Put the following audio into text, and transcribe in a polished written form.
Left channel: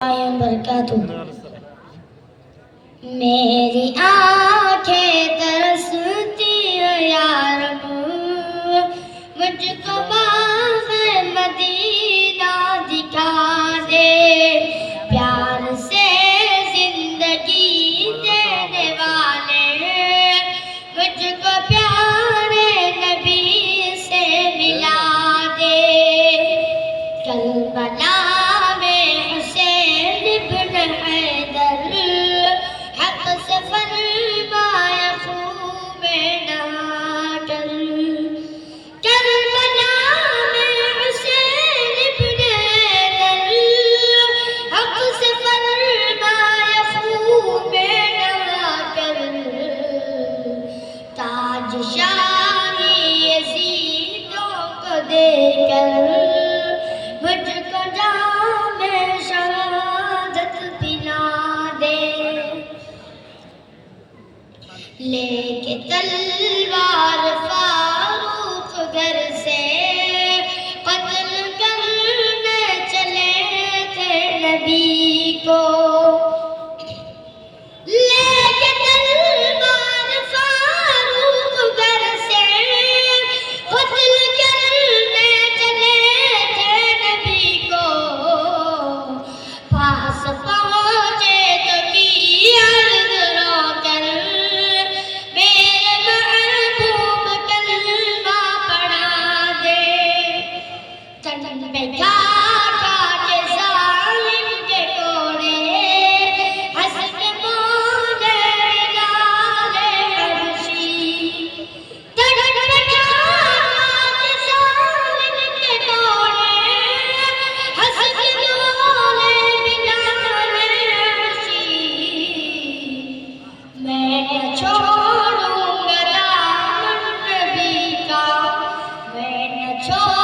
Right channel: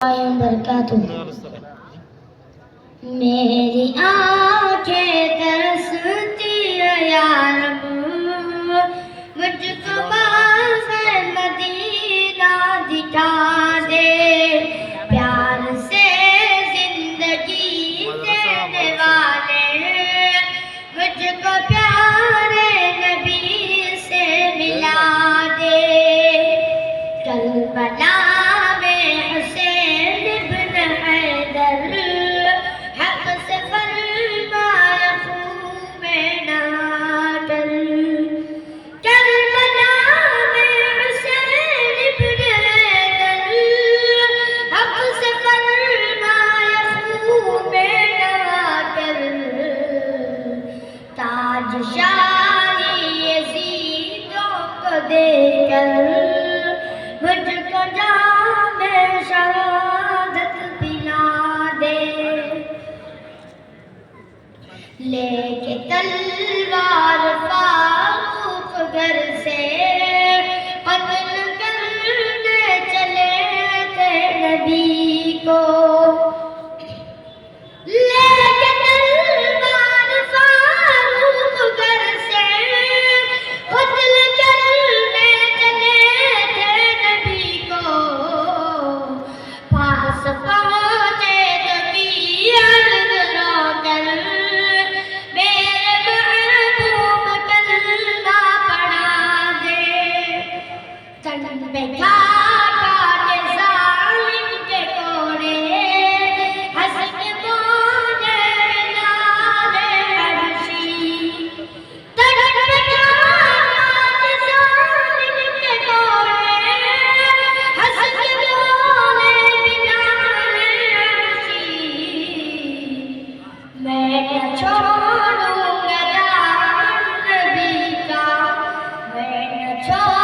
برکاتہ. میری آنکھیں ترستی ہیں یا رب، مجھ کو باغ مدینہ دکھا دے. پیار سے زندگی دینے والے مجھ کو پیارے نبی سے ملا دے. کربلا شاہی یزیدوں کو دے کر مجھ کو جام شہادت پلا دے. لے کے تلوار فاروق گھر سے قتل کرنے چلے تھے نبی کو. چھوڑوں گا دامن نبی کا، میں نہ چھوڑوں